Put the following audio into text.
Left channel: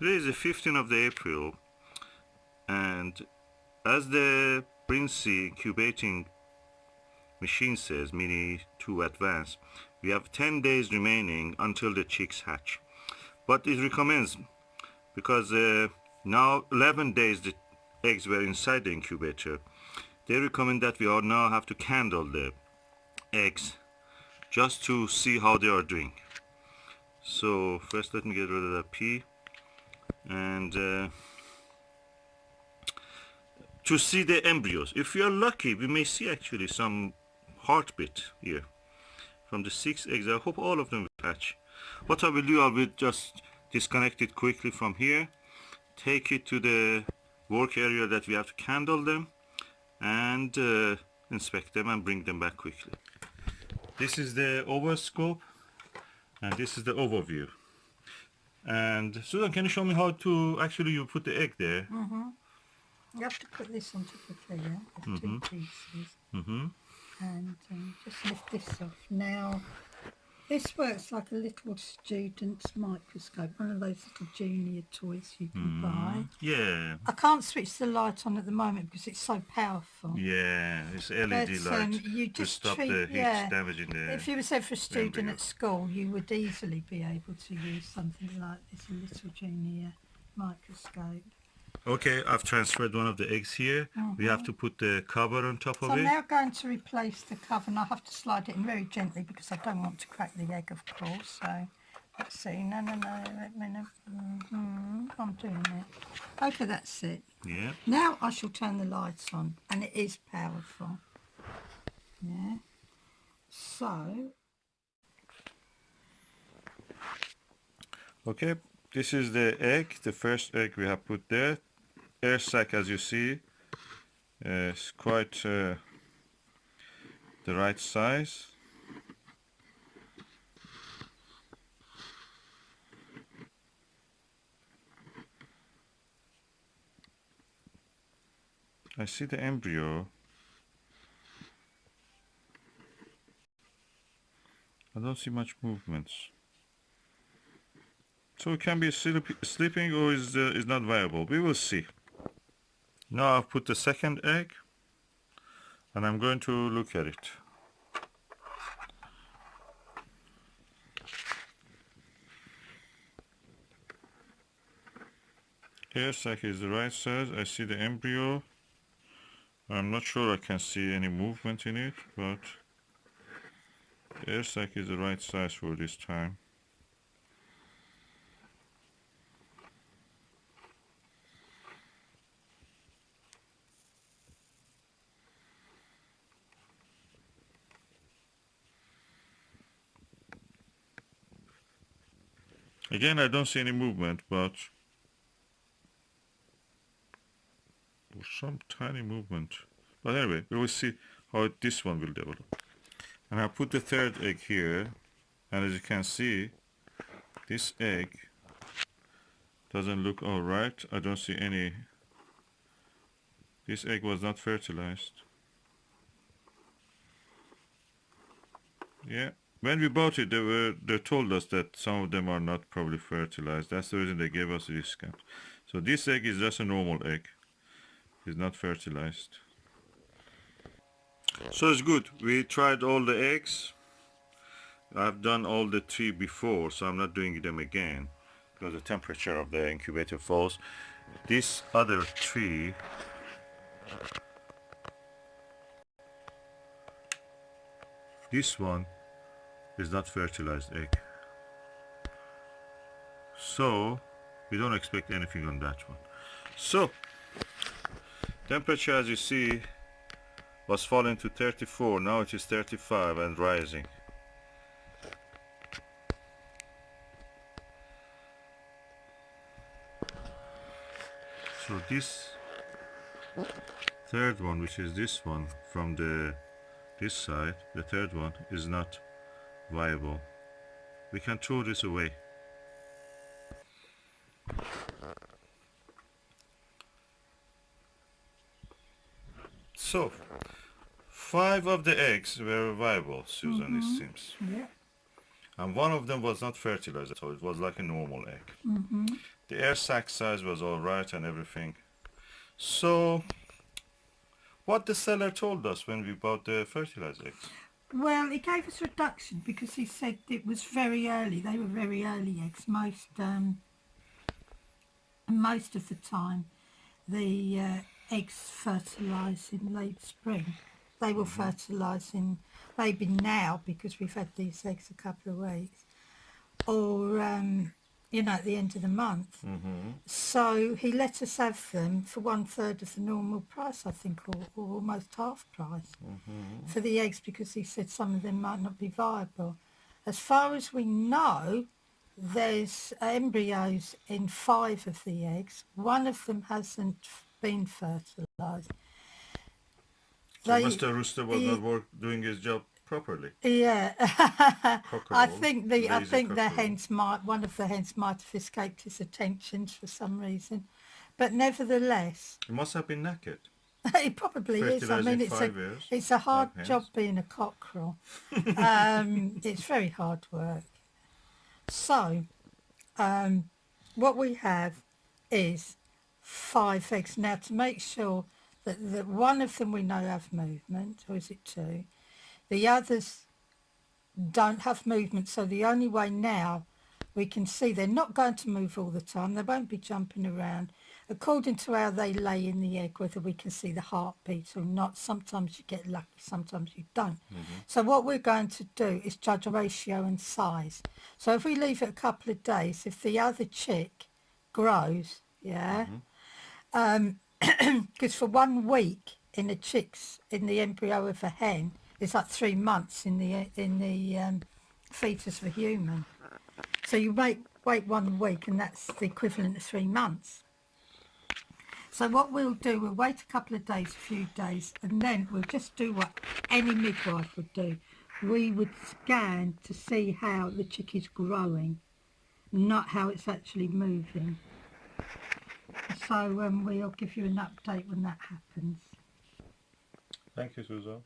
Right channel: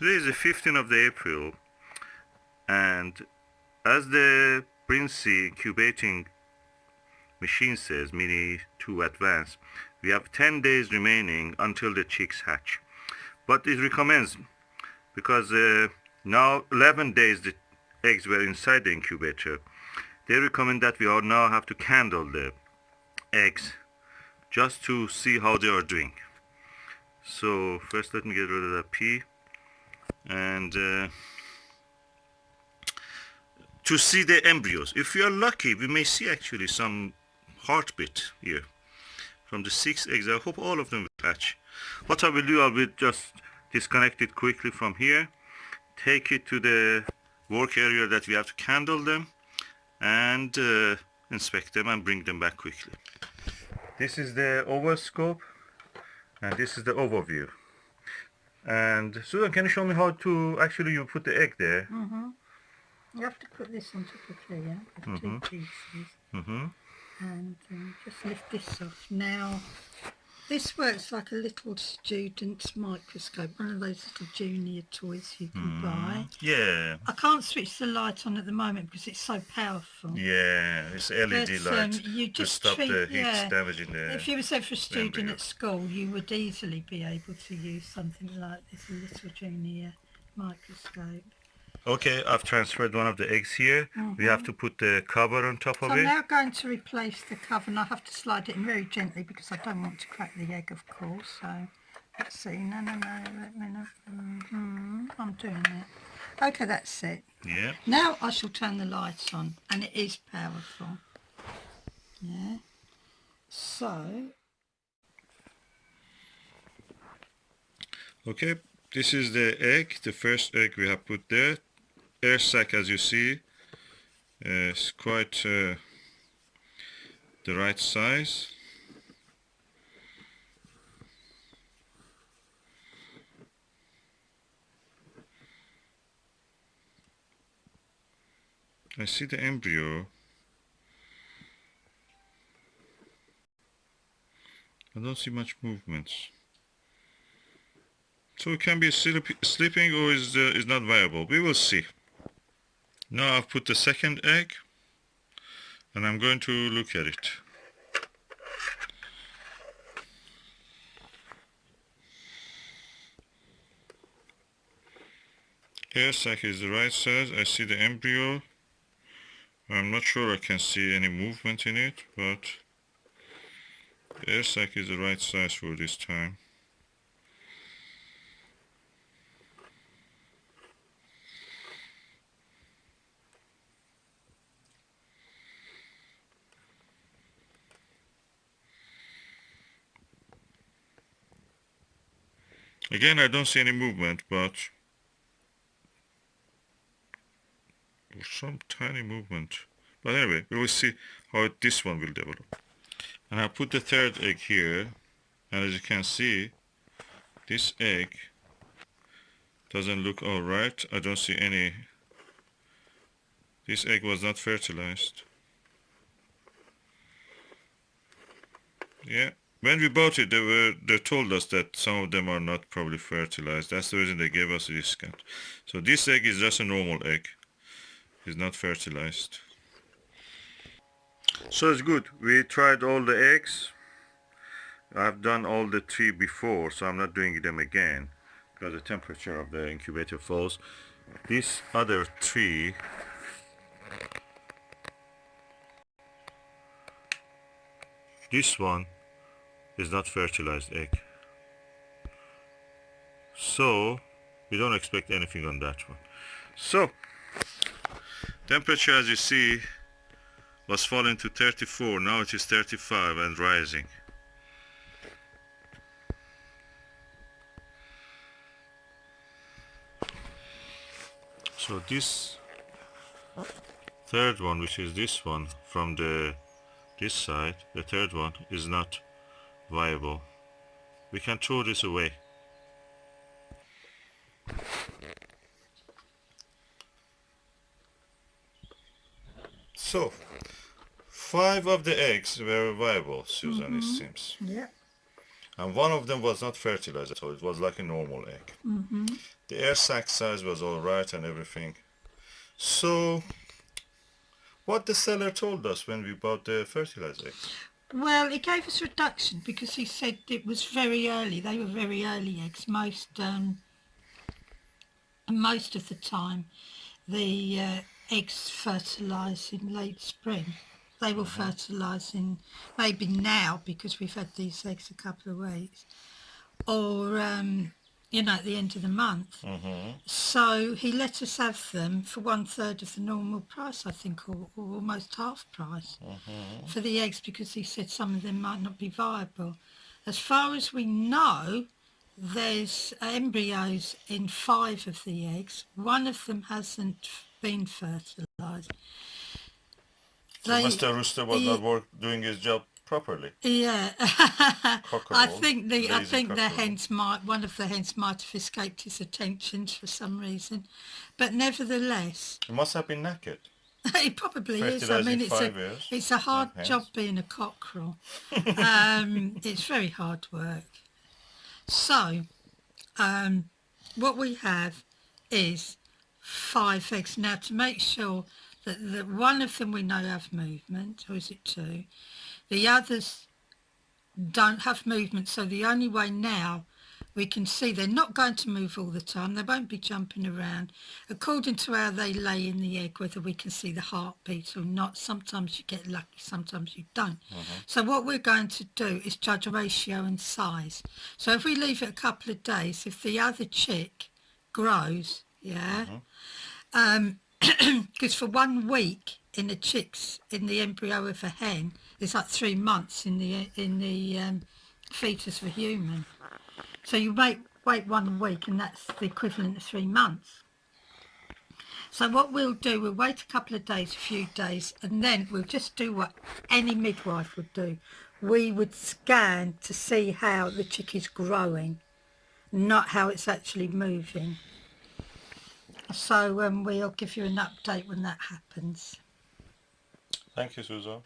Today is the 15th of the April, and as the Brinsea incubating machine says, Mini 2 Advanced, we have 10 days remaining until the chicks hatch. But it recommends, because now 11 days the eggs were inside the incubator, they recommend that we all now have to candle the eggs just to see how they are doing. So first let me get rid of the pea, and to see the embryos. If we are lucky, we may see actually some heartbeat here from the 6 eggs. I hope all of them will hatch. What I will do, I will just disconnect it quickly from here, take it to the work area that we have to candle them, and inspect them and bring them back quickly. This is the OvaScope, and this is the OvaView. And Susan, can you show me how to actually you put the egg there? You have to put this on top of here, of 2 pieces, and just lift this off. Now, this works like a little student's microscope, one of those little junior toys you can buy. Yeah. I can't switch the light on at the moment because it's so powerful. Yeah, it's LED light you to just stop the heat damaging the If you were said for a student embryo. at school, you would easily be able to use something like this little junior microscope. Okay, I've transferred one of the eggs here. We have to put the cover on top of So it. I'm now going to replace the cover, and I have to slide it in very gently because I don't want to crack the egg, of course. So let's see. No, let me know. I'm doing it. Okay, that's it. Yeah. Now I shall turn the lights on, and it is powerful. Yeah. So. Okay, this is the egg, the first egg we have put there. Air sac, as you see, is quite the right size. I see the embryo. I don't see much movements. So it can be sleeping or is not viable. We will see. Now I've put the second egg, and I'm going to look at it. Air sac is the right size. I see the embryo. I'm not sure I can see any movement in it, but the air sac is the right size for this time. Again, I don't see any movement, but some tiny movement. But anyway, we will see how this one will develop. And I put the third egg here, and as you can see, this egg doesn't look all right. I don't see any. This egg was not fertilized. Yeah. When we bought it, they told us that some of them are not probably fertilized. That's the reason they gave us a discount. So this egg is just a normal egg. It's not fertilized. So it's good. We tried all the eggs. I've done all the 3 before, so I'm not doing them again because the temperature of the incubator falls. These other 3, this one is not fertilized egg, so we don't expect anything on that one. So temperature, as you see, was falling to 34. Now it is 35 and rising. So this third one, which is this one from this side, the third one is not viable. We can throw this away. So 5 of the eggs were viable, Susan, it seems. Yeah. and one of them was not fertilized, so it was like a normal egg. The air sac size was all right and everything. So what the seller told us when we bought the fertilized eggs? Well, he gave us a reduction because he said it was very early. They were very early eggs. Most of the time, the eggs fertilise in late spring. They will fertilise in maybe now because we've had these eggs a couple of weeks, or at the end of the month. So he let us have them for 1/3 of the normal price, I think, or almost half price for the eggs, because he said some of them might not be viable. As far as we know, there's embryos in 5 of the eggs. One of them hasn't been fertilised. So Mr. Rooster was not doing his job properly. Yeah, Cockerel, I think the cockerel. hens one of the hens might have escaped his attentions for some reason, but nevertheless, He must have been naked. he probably is. I mean, it's a hard job being a cockerel. It's very hard work. So, what we have is 5 eggs. Now, to make sure that one of them we know have movement, or is it 2? The others don't have movement, so the only way now we can see they're not going to move all the time. They won't be jumping around. According to how they lay in the egg, whether we can see the heartbeat or not, sometimes you get lucky, sometimes you don't. So what we're going to do is judge a ratio and size. So if we leave it a couple of days, if the other chick grows, because for 1 week in the embryo of a hen is like 3 months in the fetus of a human. So you wait 1 week, and that's the equivalent of 3 months. So what we'll do, we'll wait a couple of days, a few days, and then we'll just do what any midwife would do. We would scan to see how the chick is growing, not how it's actually moving. So we'll give you an update when that happens. Thank you, Susan.